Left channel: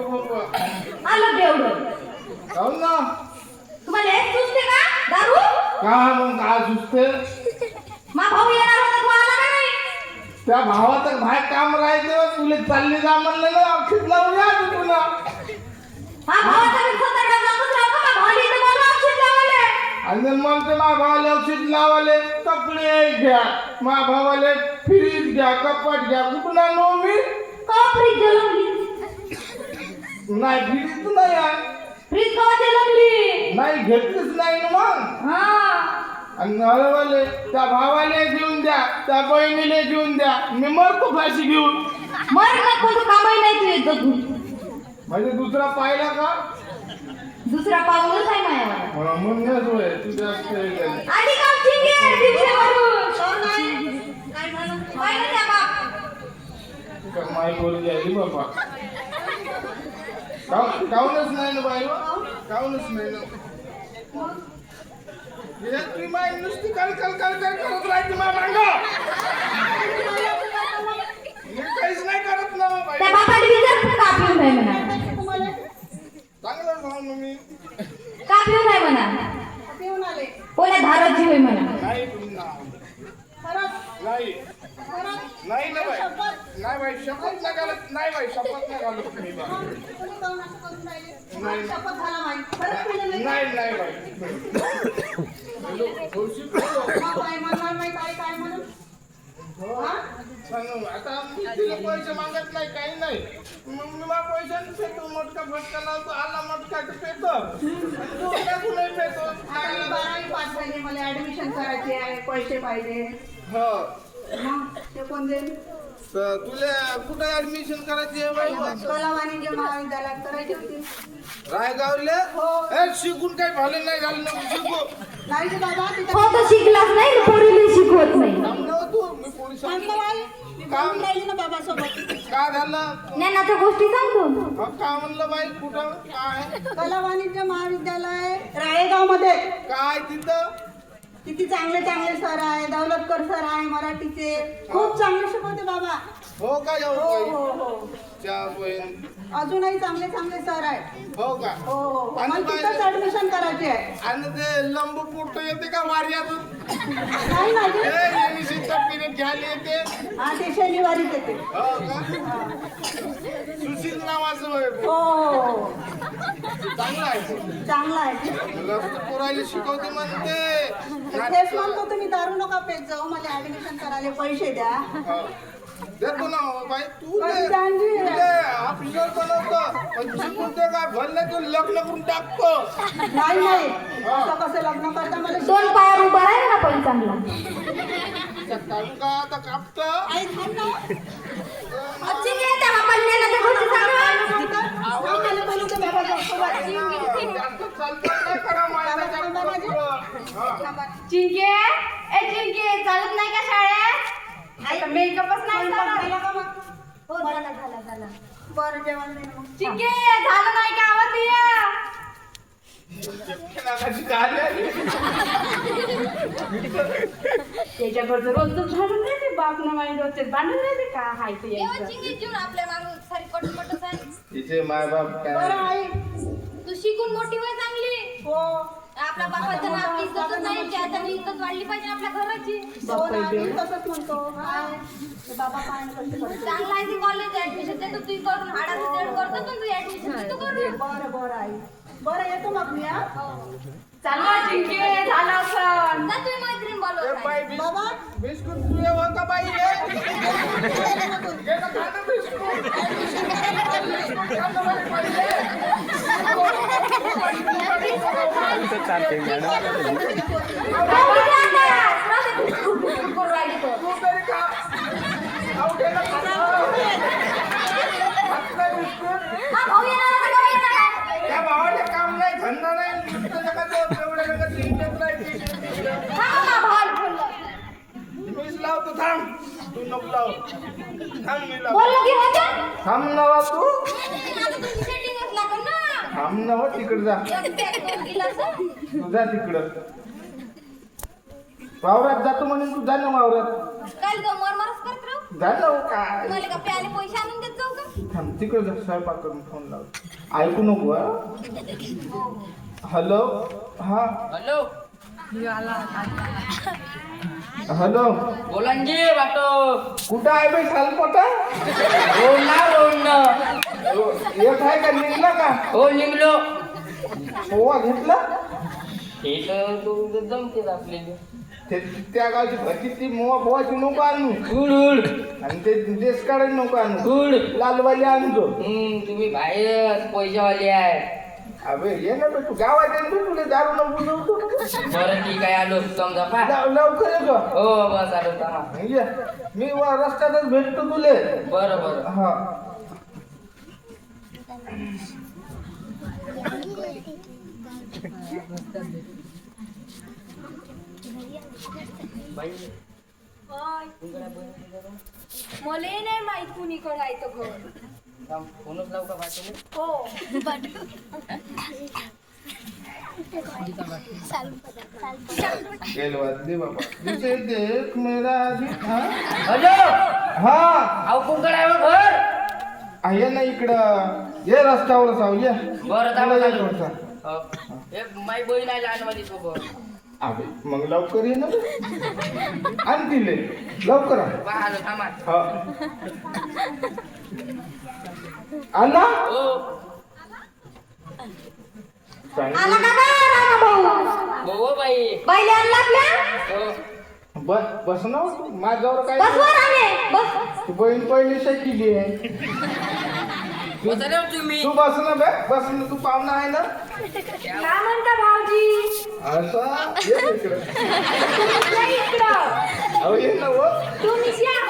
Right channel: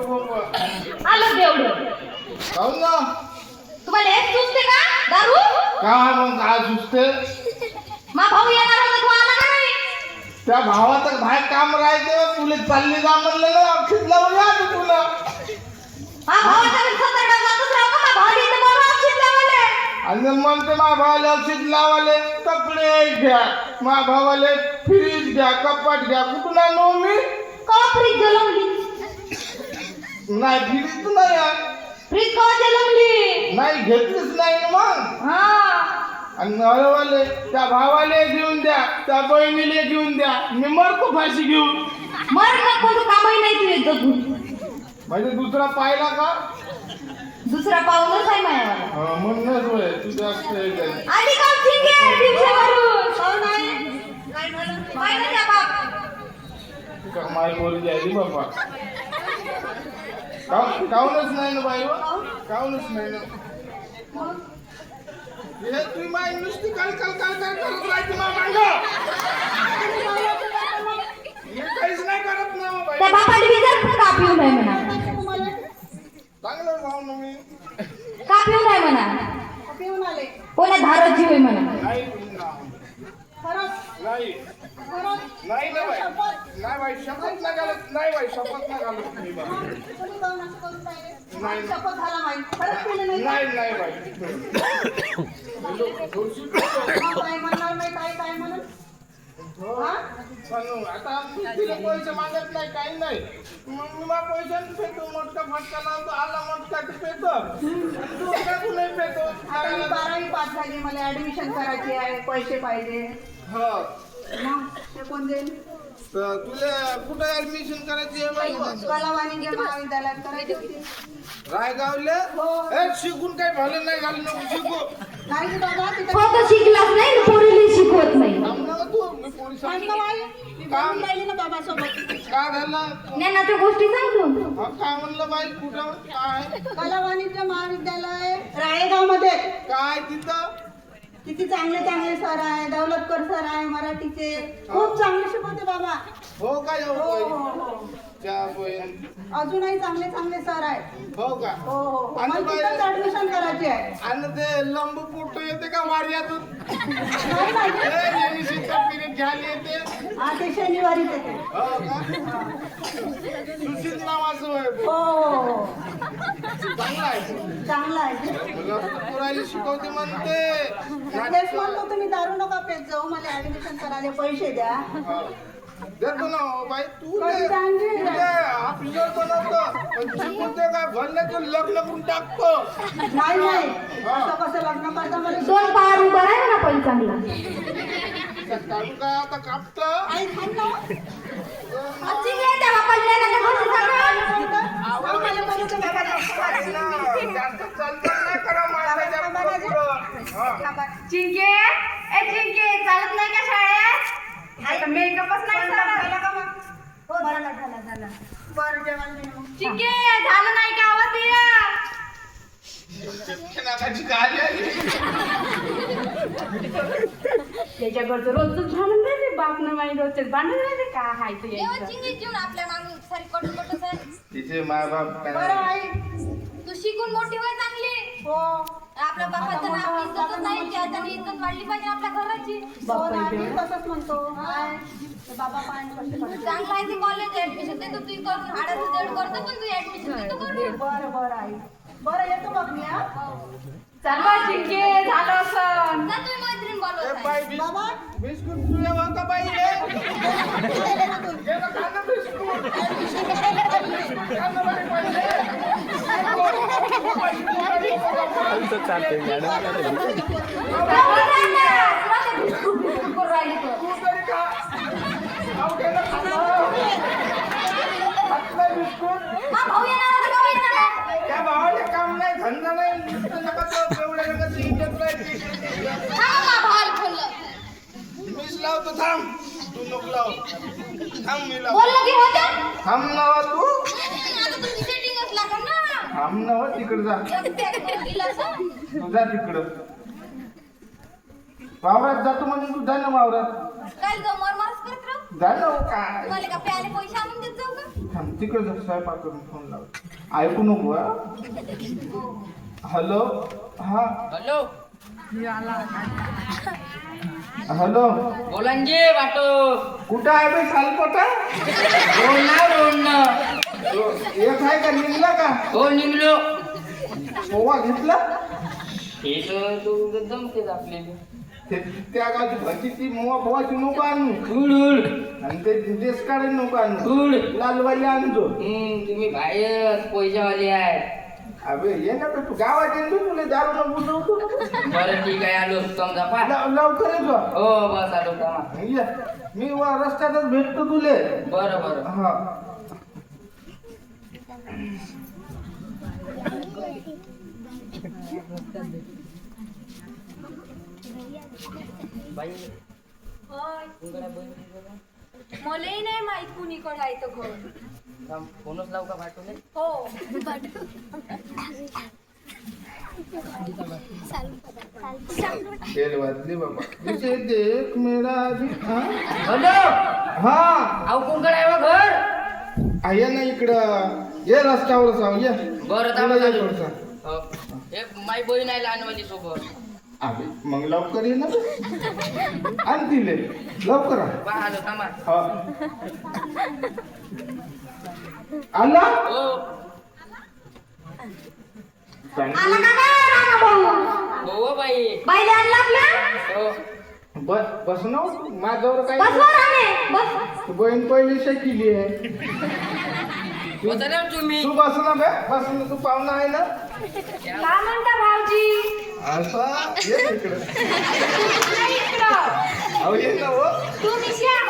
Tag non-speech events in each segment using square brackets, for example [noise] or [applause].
आलं बेवडं काहून ना तुम्हाला हेच सुचते का दारू? का मग काय सुचते? मा भाऊ येणार होता तू आला का नाही? त्या भावाचं बाहेर काम राहायचं तुला चालली जा म्हणलं ना औषध लावून या तू तुला. मा भावाचा मी सतरा जातच राहतो मा भावाला इथं बोलवा औषध लावायला आणि म्हणतो मा भावाला औषध लावाले कपडे घ्या. मा भावाले फ्रीज घ्या कपाट घ्या कुठून आणू मी? का फ्रीज जलमली नाही फ्रीज नाही. फ्रीज का जलमली नाही घेतलीच नाही ना मग. हा. आणि नवऱ्यावाले त्या भावाले घेऊन द्या त्या बहिणीले घेऊन द्या. मी मरतो फाशी घेऊन. मर ना कोण कामही नाही तू येतो तू म्हणजे दुसरा पाहिला का? दुसरा पाऊलच आहे माझ्यावर हा, म्हणूनच होय तू काम ठीक आहे हो. नाही काय झालं पाहिलं का माय बोलली आली बाबा? काहून- काहूनच नाही ना बाई हो? काहूनच नाही ना? तुम्ही माय नुसती काल काल काल काल करत राहायची मा मांग मी काहीच नाही करत ना बाई त्या बापाने विचार का पिऊ नाही म्हणा चांगलं भाऊ ना मी का पिऊ नाही म्हणा कोणा धाराची होय म्हणा नाही ना. नाही नाही ना बाई नाही बाई शपथ ना घालत नाही बाई शपथ ना घालत मी बाई नाही नाही नाही बाई हॅलो, थोडीशी बोलो. सांगू, आता मी तिला पैसे मागत नाही काही नाही. मग मी मग पैसे पेतो मोठका फटका लावतो आला मोठका तर पेतो दुसरा कुणी पेतो बारावी पास झाली मला ऍडमिशन करायची आहे पैसे पाहिजे. हो. मग ते कोण देईल? तर तुला कुठं ऍडमिशन करायची आहे बाई? कला वाणिज्य महाविद्यालयात करायची होती. रायगावले? हो. ए शिकून काही भालं नाही झालं नको शिकू. नाही रे बाबा तिथं फक्त शिकलाच नाही ना पोरीला शिकवत नाही. तू मी पोलीस सांगतो बाई मी बोलून राहिली ना बाबा सोबत का झालं? ज्ञानाच्या गोष्टी सांगतो हा, का म्हणलं बाई? कुठं? काय? कला वाणिज्य महाविद्यालय राळेगावमध्ये काय तिथं? किती चांगले चांगले सर आहे दौलतकर सर आहे मराठीचे. खूप चांगले शिकवते बाबा. हो का येऊ हो हो हो. च्या बहीण अजूनही चांगले चांगले सर आहेत. हो का? हो हो आणि मला बाई- तिथंच ऍडमिशन करायची आहे. आणि ते लंब पोट येते का वाऱ्यातून? नाही लेडीजचं पिरियड घ्यायला येते. हा ते शनिवारीच येते. हो का? सुशील नावाचं होय हो. हो, हो. चांगलं आहे. चांगलं आहे. पुरायला शिकवते म्हणते. तेच. म्हणतो तुम्ही दारू नका पेत जाऊ मला ऍडमिशन करायला पैसे द्या. हो. देतो ना हो बाई. तू ऑफिसर बनवतो. पण शिकून भरले तर लग्न करून टाकतो. नाही नाही. असं कसं लग्न करता मला शिक- दोन पायावर उभा आहे ना पण चांगला. त्या काढू का आता कापतं? आई थांब ना. चिंके ए चिंके चालत नाही का शाळेत? आता मेकअपच नाही झाला. का मग हो झाला झाला झाला बरं जेवण चिंके झालं नाही का आवाज ये? नाकाची गाडी त्याच्याकडचं रोजच झालं नाही ते बाप न माई होते भांडण नाही का? हाय ते यायचं. चिंगी आपल्या मागून. सारी कटपटच आहे तिचे माय बाप बरं काय आई तू शिकून मोठी होय चांगली हो आपल्या बापाचं नाव इज्जतच नाही त्याच्या इज्जत वाढली पाहिजे आपल्या घराची हो ना, मी तसंच म्हणतो ते बाबा कष्ट. चांगला आहे ते कॉलेज ऍडमिशन देतो तू करून हाडाचं जड करतो पण तू ऍडमिशन देतो करून बरं बरं आई बरं येतो मग मी हा चाललं चिंके झालं असं जा तुम्ही मैत्रीण ए बोलवत बाई आहे. बिस- बाबा बिस्कुट तू येऊ का बाई हे? घे [laughs] ना खा ना बिस्कुट. बिस्कुट खा ना बाई पहिले. राहू द्या ना. राहू द्या. करू राहिली तर. तू तरी खा. अहो, घे ना खा ना. खात नाही बिस्कुट. हा भाऊ त्या भावाला काम नाही धंदा नाही नुसतं नका जाऊ, तेवढ्या नका राहायची. मीच लावतो थांब तू नको लाव थांब मी? थांब ना तू. आता लागेल ना. थांब ना हो, तिकडं जा. एक pack. तू जा तिकडं. वावरात जातो म्हणून तू जा ना वावरात. काय गं, मरमरच करत राहू? जा ना हो, काय. तुम्हाला का प्याले पैसे आणून देत तिकडे जा स्वयंपाक करून फोन लाव. ऐकू नको? हॅलो हा. Hello hello. बोलांजी वाटो. कुठं आहे बे सालपोटा रोडना रोडनं. एक आहे का निघला का? हो निघलो. पोवा घेतला? हे तर तू जमते आपल्याला. ते त्या गावची भजी ती मोवा पोवाची नको आणू गुड गुड आणि ते देश काढून नको आणू गुड लालवाली आणतो तुम्ही बाहेर पैशावाले आहे. अबे ये ना तू गावात येईल बे तुला दारू नको देऊ. बरं ठीक आहे आलो. समजा पा. लव- लवकर येतो हो बस आलो थांबा ये. मी व- रस्त्यातच भेटतो तुले. बरं बरं. हा. बाई. होय. नाही माहीत कुणीकडे आहे तो घर. फोनच लावू का पाठवले हो. तेल वाजली बाबा. विजय देख मेरा अभी हा? हॅलो! हा. अहो कोणकडे आहे हो घर? आहे ना इकडं. ये रस्त्यावर जाऊ ये. बरं थांबा ये चालू. थोडंसं. हो. एक माई बहीण आहे लहानवाली सोबत. अबे मग लवकर ये ना. आण दिले लवकर आण. पहा थांबा. हा. आला हो का काय रामा भाऊ? हो बाई. बाईले आणला आपल्या हो. बस बस ना माझ्यावर काय बस वर आले बस. तू बहीण पहिली शिकली आहे. बसा रे तुम्ही. तू बस ना बे बस ना तू पाहुणा आहे ना. काय म्हणता भाऊजी? असं ये ना इकडं. या इकडं. अहो ये ना हो. तुम्ही या.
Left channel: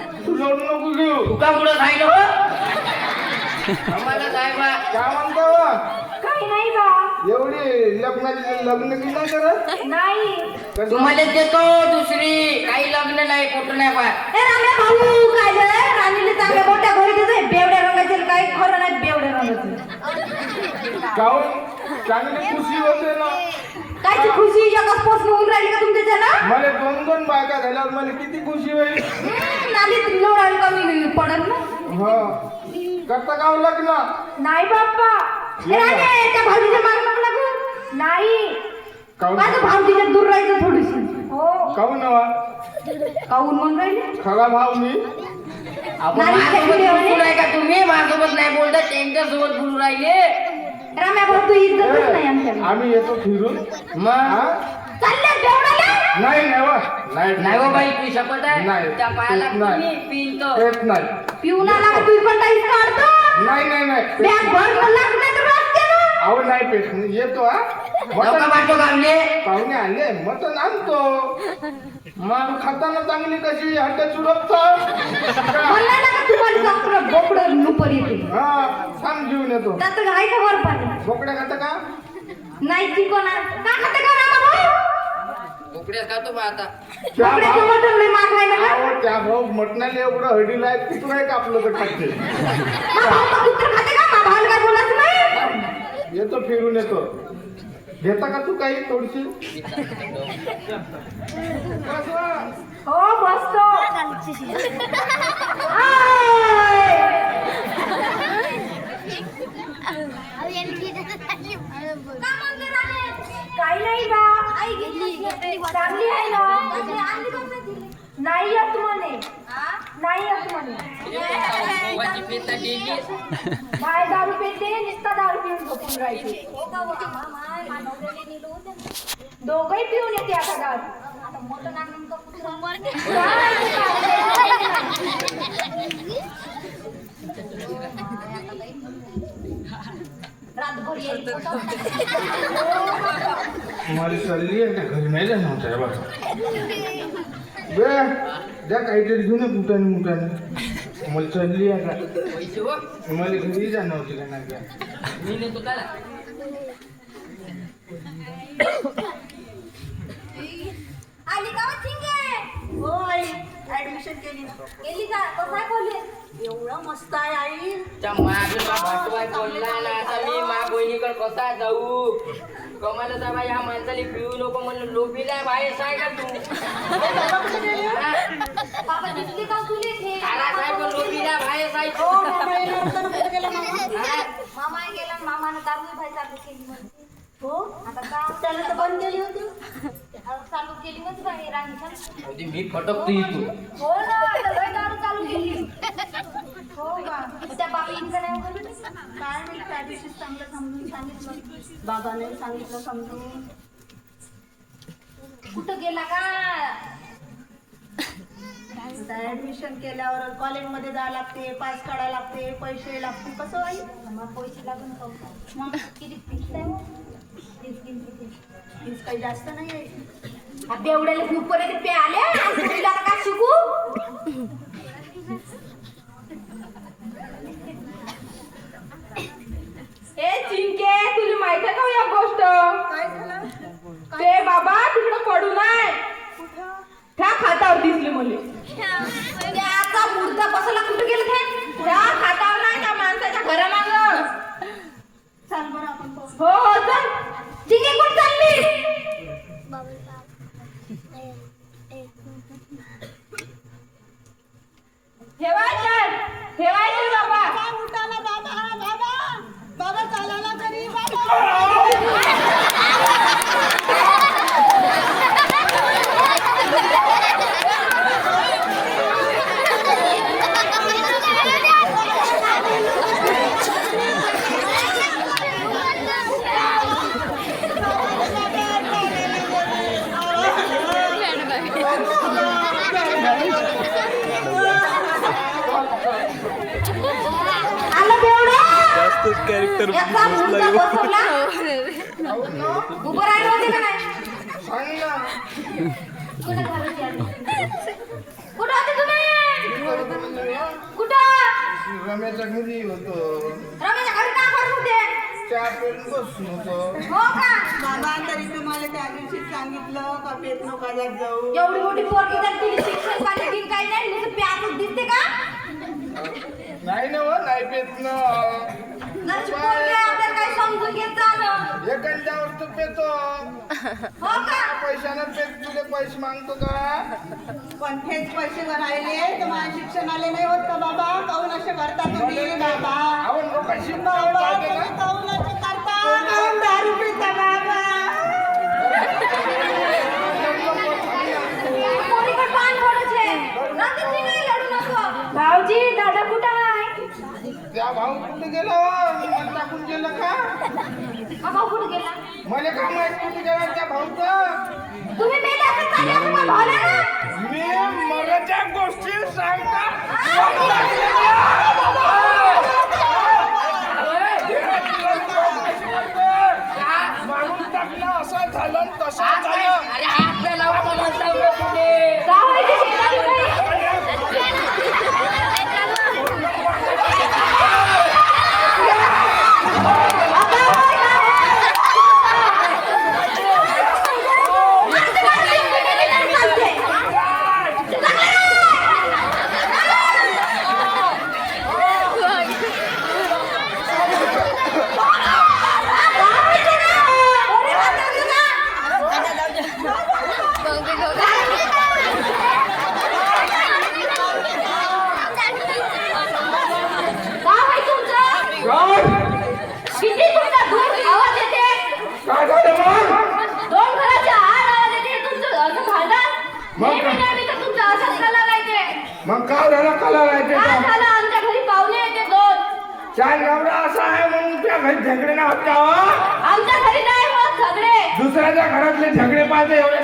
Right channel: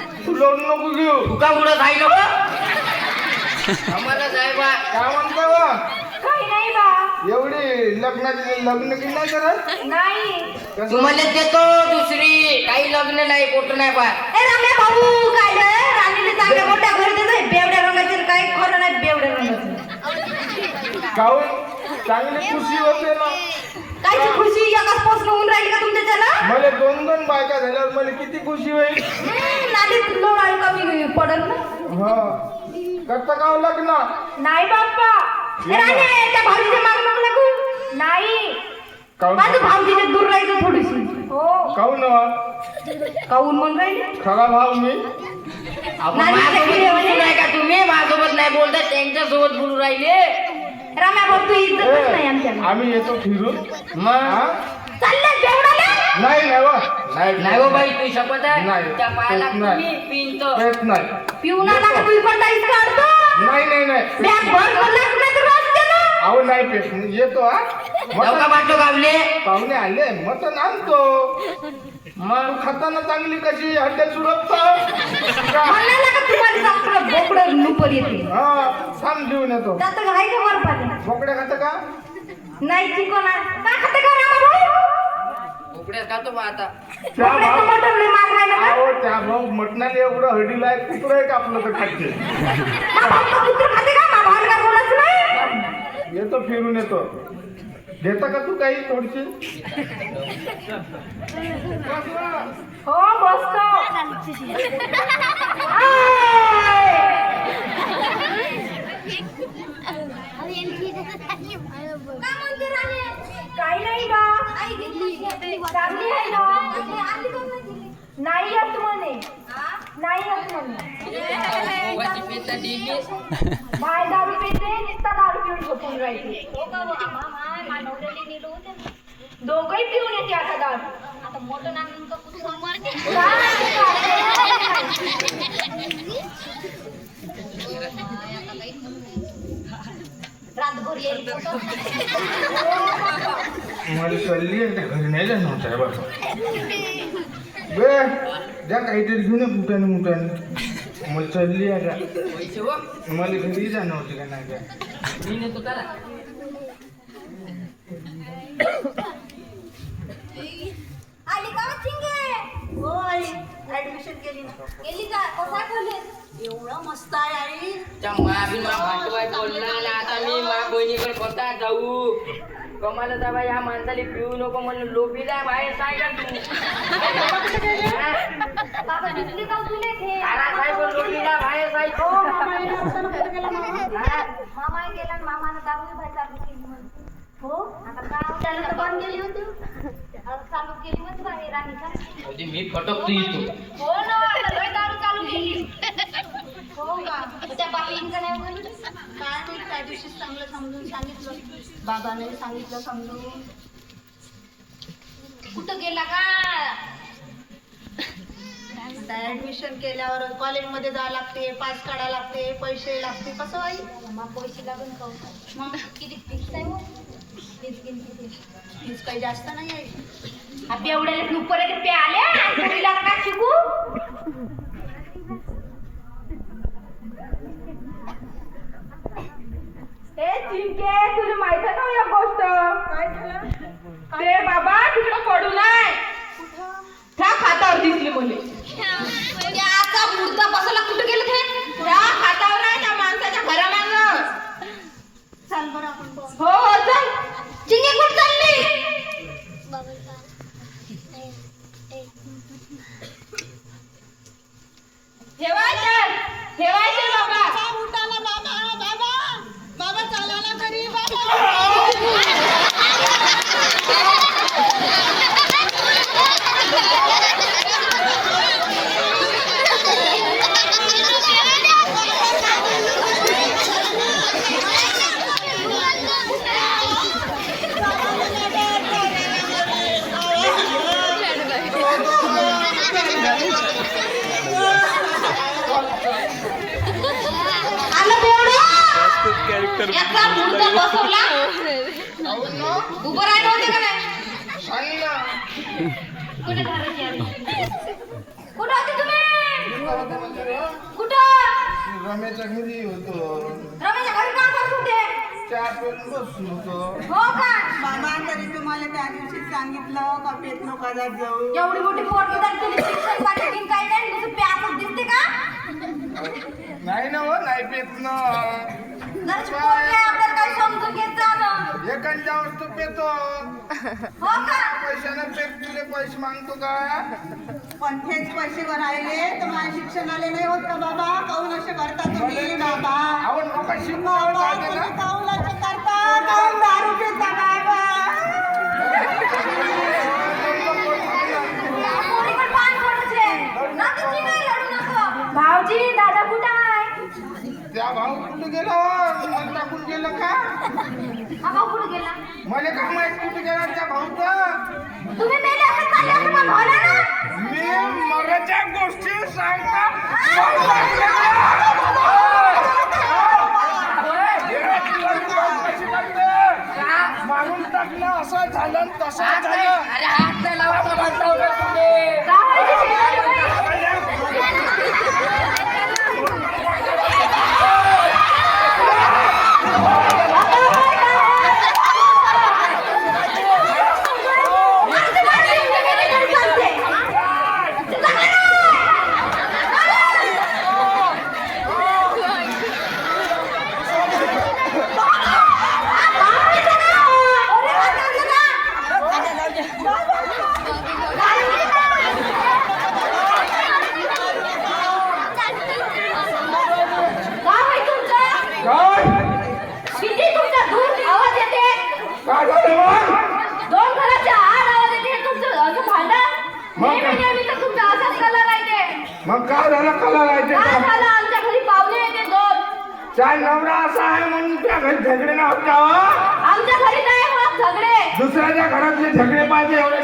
तू लोन नको घेऊ. तुका कुठं खायला आम्हाला साहेबा काय म्हणतो बा? काही नाही बा. एवढी लग्नाची लग्न की नाही करत? नाही. कसं? तुम्हाला देतो दुसरी. काही लग्न नाही पोट नाही पा ए रामे भाऊ काय रे राणीने चांगल्या मोठ्या घरी दिलंय बेवड्या रंगाचे आणि काही खरं नाही बेवड्या रंगाचं. काहून? चांगली खुशी होते ना. कायची खुशी एकाच पोस्ट होऊन राहिली का तुमच्या त्याला मला दोन दोन बायका झाल्यावर मला किती खुशी होईल? नालीत लोळायला कमी पडल ना. हा. करता का हो लग्न? नाही बाप्पा. ए राणे त्या भाऊजीच्या माग नको लागू. नाही. काहून? माझं भाऊजीच्या दूर राहायचं थोडीशी हो. काहून काऊन म्हणून राहिले? खरा भाव मी. आपण नाही, माझ्यासोबत नाही, बोलू नाही. नाही का तुम्ही? माझ्यासोबत नाही बोलता. त्यांच्यासोबत बोलू राहिले. राम्या भाऊ तू इज्जतच नाही आमच्याला आम्ही येतो फिरून. मग? हा? चालले बेवडाले? नाही नाही वा. नाही नाही हो बाई तू शपथ आहे? नाही. त्या पायाला तेच नाही. तुम्ही पिंत. येत नाही. पिऊन आला का तू पण ताईच काढतो? नाही नाही नाही. बॅग भर लाख नाही तर रस्त्यानं. अहो नाही पेट येतो हा. नौका गावले? पाहुणे आले मटण आणतो. मग खाताना चांगली कशी? हड्ड्या चुरपतो म्हणलं ना का तुम्हाला चांगलं बोकडं नुपर येते? हा थांब घेऊन येतो. जातं का वर बोकड्या खाता का? नाही चिकन आहे का खाते का रामा भाऊ? उकड्या खातो बा आता. त्या मटण अहो भाऊ मटणाला एवढं हडीला आहे तिकडं आहे कापलं तर खाते. मा भाऊ का कुत्र खाते का? मा भाऊ काय बोलायचं नाही. येतो फिरून येतो. घेता का तू काही थोडीशी? हो बसतो काही नाही का? चांगली आहे ना? नाही येत म्हणे. दोघंही पिऊन येते आता दारू. मला चालली घरी नाही जाणार आहे द्या काहीतरी घेऊन ये कुठं मुठाने मला चढली आता. पैसे हो मला घरी जाणं होती का नाही का? का का? एवढं मस्त आहे आई त्या मागीला भाटवाय बोलला ना आता मी माझ्या बहिणीकडे कसा जाऊ. कमाला तर बाई ह्या माणसाला पिऊ नको म्हणून लोबीला बाहेर साय का तू? तुले आला साहेब लोबीला बाहेर साय. हो मामा होता कुठे गेला मामा? गेला मामानं दारू भाई चालू केली. हो? आता का त्याला तर केली होती. अहो, चालू केली होती गाडी राणीचा होती मी फटकतो इथून. हो ना आता दारू चालू केली. हो का? त्या बाबांचं नाही काय नाही त्या दिवशी चांगलं समजून सांगितलं. बाबाने सांगितलं समजून. कुठं गेला का? आता ऍडमिशन केल्यावर कॉलेजमध्ये जावं लागते पास काढायला लागते पैसे लागते कसं आई मग पैसे लागून का मग किती फीस आहे? फीस किती फीस काही जास्त नाही आहे बेवड्याला नुकरे ते पे आले आणि काय शिकू? ए चिंके तुला माहीत आहे का या गोष्ट? काय झालं? ते बाबा तिकडं पडू नाही त्या खातावर दिसली मुले. त्याचा मुर्दा बसायला कुठे गेले ते? त्या खातावर नाही त्या माणसाच्या घरामागं. चाल बरं आपण. हो हो चल चिंगी कुठं चालली ठेवायचं ठेवायचं बाबा उठाला बाबा बाबा बाबा चालायला घरी बाबा आलं बेवडं याचा मुर्दा बसवला उभं राहायचं होतं का नाही सांग ना कुठं घालायची आधी? कुठं होते तुम्ही कुठं होतो म्हणजे रे? कुठं घरी होतो रमेशच्या घरी काय करत होते चहा बसून होतो बाबा तरी तुम्हाला त्या दिवशी सांगितलं का पेट नका जाऊ एवढी मोठी पोरगी तर शिक्षण नाही नुसतं प्यासच दिसते का? नाही ना हो नाही पेत ना. आपल्याला काही समजून घेत. एखाद्या वस्तू पेतो. हो का? पैशानं पेट तुले पैसे मागतो का? पण तेच पैसे भरायले तर माझ्या शिक्षणाले नाही होत का बाबा? काऊन असे करता तुम्ही बाबा? आवड नका शिकवा बाबा चालते तुम्ही का काऊन असे करता? काऊन दारू पिता बाबा पोरीकडे पान पडायचे. रात्रीची नाही लढू नको. भाऊजी दादा कुठं आहे? त्या भाऊ कुठे गेला? मला टाकून गेलं का? हा भाऊ कुठं गेला? मला का माहीत कुठे गेला त्या भाऊचं? तुम्ही मेले असं चालले असं मग भावला ना? मी मराठ्या गोष्टी सांगता माणूस टाकला असं झालं तसं झालं. अरे हात नाही लावा तुम्ही शिकवली बाई. जावई तुमचं. काय किती तुमचा दूर आवाज येते काय झालं मग? दोन घराच्या आड आवाज येते तुमचं असं भांडण मग काय? नेहमी नेहमी तर तुमचं असंच कला राहते मग काय झालं कला काय राहायचं झालं आमच्या घरी पाहुणे येते दोन त्या नवरा असा आहे म्हणून त्या घरी झगडे ना होत का हो? आमच्या घरी नाही मग सगळे दुसऱ्याच्या घरातले झगडे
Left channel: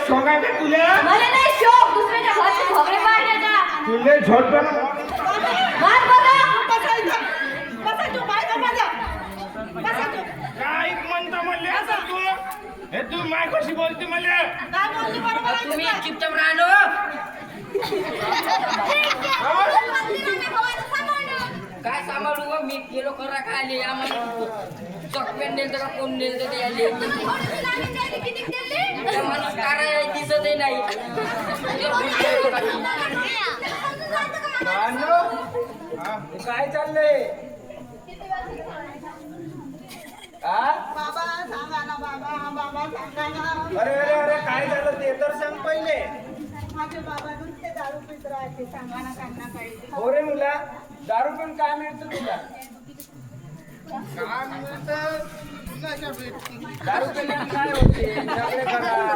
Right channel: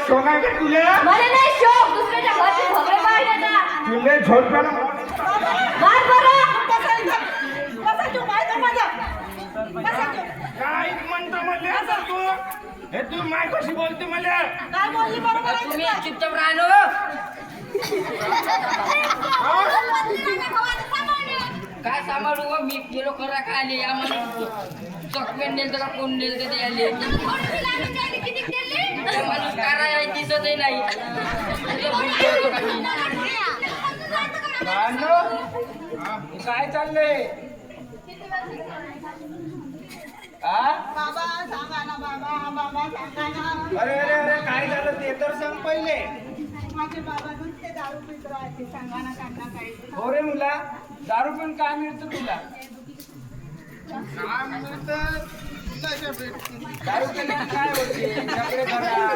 तुले? मला नाही शोक दुसऱ्याच्या घरचे झगडे मारण्याचा तुले मार बरं. बसा तू बाय माझा बसा तू काय म्हणतो म्हणले आता तू? हे तू माय कशी बोलते मला काय बोलली बरोबर आहे तुम्ही? चुपचाप राहणं काय सांभाळू व मी गेलो खरा काय आले आम्हाला चकमेन नेलं का कोण नेलं ते आले. माझं कार आहे दिसतही नाही. काय चाललंय? हा बाबा सांगा ना बाबा बाबा सांगा ना. अरे अरे अरे काय झालं? ते तर सांग पहिले. माझे बाबा नुसते दारू पित राहते सांगा ना त्यांना काही. हो रे मुला. दारू पण काय मिळतं तुला? काय मिळतं? दारू पिल्याने काय होते? झगडे करा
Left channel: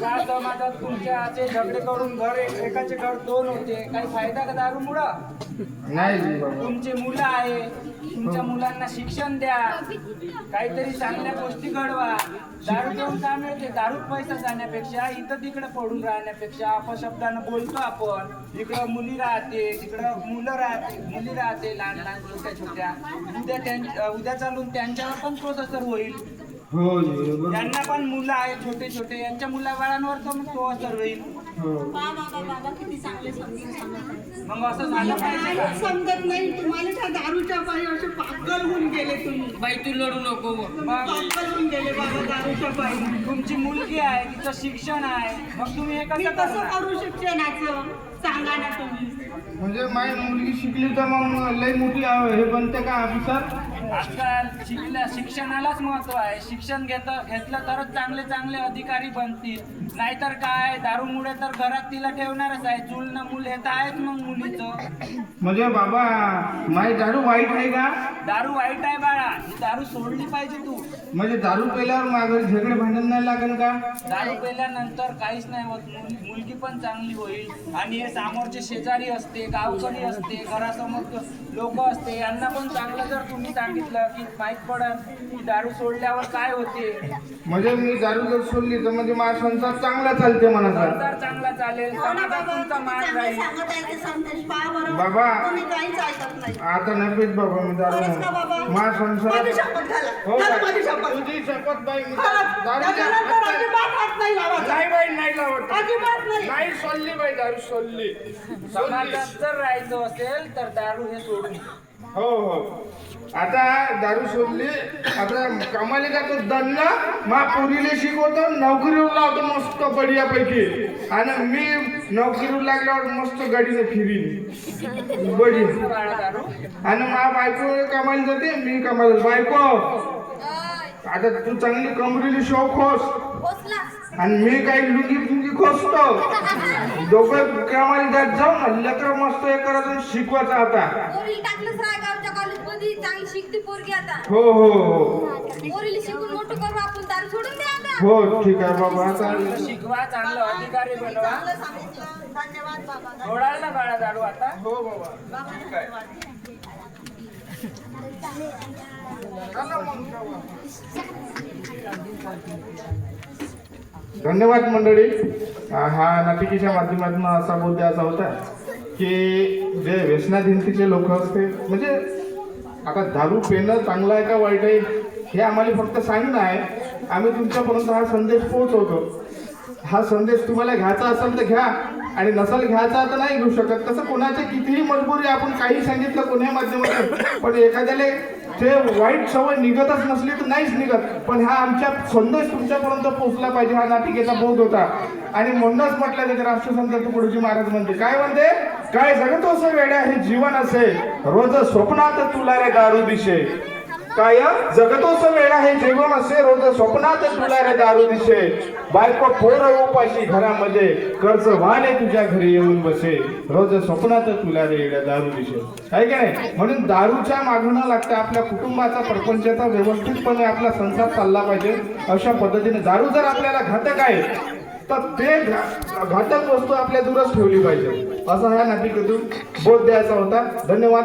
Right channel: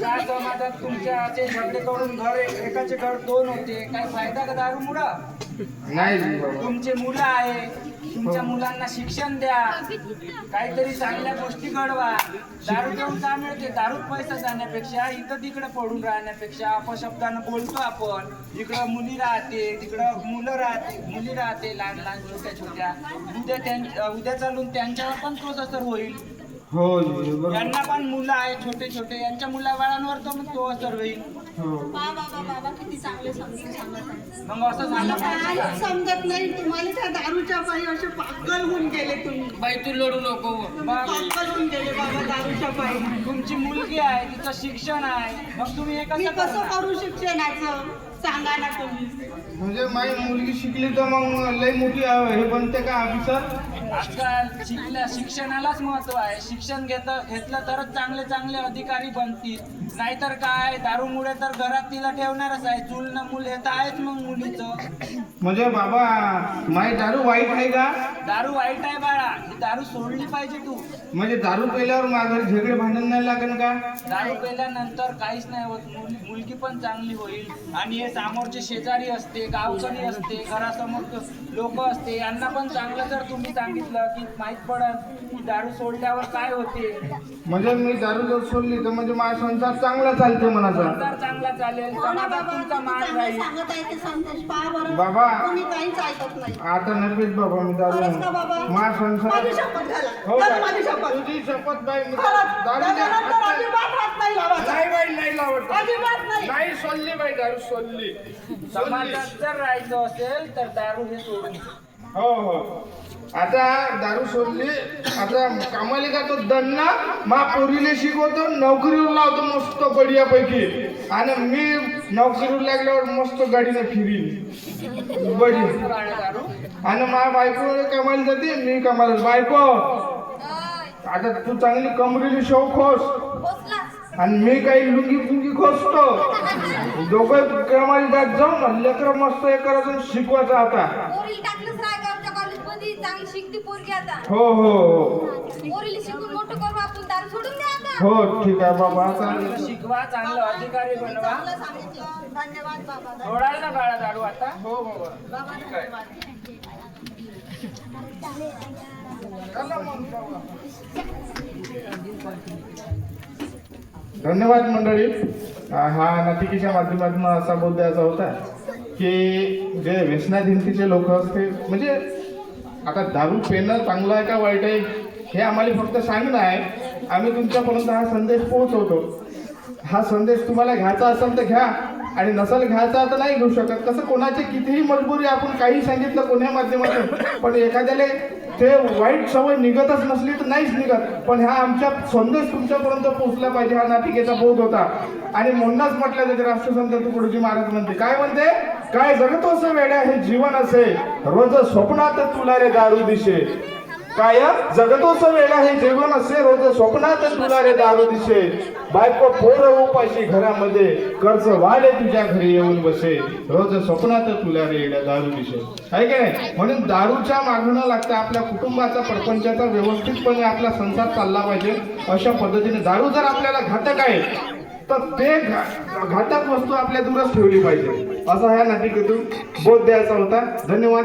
काय समाजात तुमच्या असे झगडे करून घर एकाचे घर दोन होते. काही फायदा का दारू मुळं तुमचे मुलं आहे. तुमच्या मुलांना शिक्षण द्या. काहीतरी चांगल्या गोष्टी घडवा. दारू घेऊन काय मिळते? दारूत पैसा जाण्यापेक्षा इथं तिकडे पडून राहण्यापेक्षा अपशब्दानं बोलतो आपण. इकडं मुली राहते तिकडं मुलं राहते मुली राहते लहान लहान छोट्या छोट्या. उद्या त्यां उद्या चालून त्यांच्यावर पण तोच असर होईल. हो बरोबर. यांना पण मुलं आहे छोटे छोटे. यांच्या मुला बाळांवर तो मग तो असर होईल. हो. समजत नाही. तुम्हाला त्या दारूच्या पायी असे पागल होऊन गेले तुम्ही. बाई तू लढू नको. पागल होऊन गेले बाबा दारूच्या पायी. तुमची मुलगी आहे तिचं शिक्षण आहे. मग तुम्ही हे कसं कसं करू शिक्षणाचं? सांगा ना तुम्ही. म्हणजे माझी मुलगी शिकली तर मग लई मोठी आहे, हे बनते का ऑफिसर आजकाल शिकल्या शिक्षणालाच महत्त्व आहे. शिक्षण घेत घेतलं तरच चांगले चांगले अधिकारी बनतील. नाहीतर काय? दारूमुळे तर घरात तिला ठेवणारच आहे. चूल न मूल हे तर आहेच मग मुलीचं. म्हणजे बाबा माझी दारू वाईट आहे का? दारू वाईट आहे बाळा. ही दारू सोडली पाहिजे तू. म्हणजे दारू पेल्यावर माझ्या घरी झगडे भांडण नाही लागेल का? दारू पेल्यानंतर काहीच नाही होत. मुल- मुलगी पण चांगली होईल. आणि हे समोरचे शेजारी असते गावकरी असते घरासमोर लोक असते यांना पण चांगलं जर तुम्ही सांगितलं की माहीत पडल की दारू सोडल्यावर काय होते? म्हणजे मी दारू जर सोडली तर म्हणजे माझा संसार चांगला चालते म्हणाचा संसार चांगला चालेल हो समाजात तुमचा मान चांगले राहील. सांगत आहे ते संदेश पहा बरं बाबा. तुम्ही काहीच ऐकत नाही. आता नफेच बाबा मी दारू खरंच का बाबा? माझा संसार शपथ हो माझी शपथ. तुझी शपथ बाई मी खरंच, दारू त्याच्यानंतर अजिबात हात नाही लावायचा. नाही बाई नाही लावत. अजिबात नाही. नाही सोडली बाई दारू सोडली. समाजात जर राहायचं असेल तर दारू हे सोडून. हो हो. आता दारू सोडली आता कामाला का तो दन्ना मा पोरीले शिकवतो नोकरीवर लावतो मस्त बढियापैकी. आणि मी नोकरीवर लागल्यावर मस्त गाडीने फिरीन. बडी आणि मा बायको कामाला जाते मी कामाला बायको आता तू चांगली कमरीली शॉप होस आणि मी काही लुंगी फुंगी खोसतो. दोघं कामाला जात जाऊ ना लेकर मस्त हे करायचं शिकवायचं आता. चांगली शिकते पोरगी आता. हो हो हो. पोरीला शिकून मोठं करू आपण दारू सोडून द्या आता. हो ठीक आहे बाबा. चांगलं चांगलं शिकवा चांगलं अधिकारी बनवा. चांगलं सांगितलं. धन्यवाद बाबा ना दारू आता? हो बाबा बाबा ठीक आहे. धन्यवाद. धन्यवाद मंडळी. हा नाटिकेच्या माध्यमातून असा मुद्दा असा होता की जे व्यसनाधीनतेचे लोक असते म्हणजे आता दारू पेणं चांगलं आहे का वाईट आहे हे आम्हाला फक्त सांगणं आहे. आम्ही तुमच्यापर्यंत हा संदेश पोहोचवतो. हा संदेश तुम्हाला घ्यायचा असेल तर घ्या आणि नसेल घ्यायचा तर नाही घेऊ शकत. तसं कोणाची कितीही मजबुरी आपण काही सांगितलं कोण्याही माध्यमातून पण एखाद्याला ते वाईट सवय निघतच नसली तर नाहीच निघत. पण हा आमच्या संदेश तुमच्यापर्यंत पोहोचला पाहिजे हा नाटिकेचा बोध होता. आणि म्हणूनच म्हटलं जाते राष्ट्रसंत तुकडोजी महाराज म्हणते काय म्हणते? काय जगतोस वेड्या हे जीवन असे रोज स्वप्नात तुला रे दारू दिशे. काय जगतोस वेळा हे जेवण असे रोज स्वप्नात तुला रे दारू दिसे. बायको पोर उपाशी घरामध्ये कर्ज वाढे तुझ्या घरी येऊन बसे. रोज स्वप्नात तुला रे दारू दिसे. आहे की नाही? म्हणून दारूच्या मागणं लागतं आपल्या कुटुंबाचा प्रपंचाचा व्यवस्थितपणे आपला संसार चालला पाहिजे. अशा पद्धतीने दारू जर आपल्याला घातक आहे तर ते घातक वस्तू आपल्या दूरच ठेवली पाहिजे. असा ह्या नाटिकेतून बोध द्यायचा होता. धन्यवाद.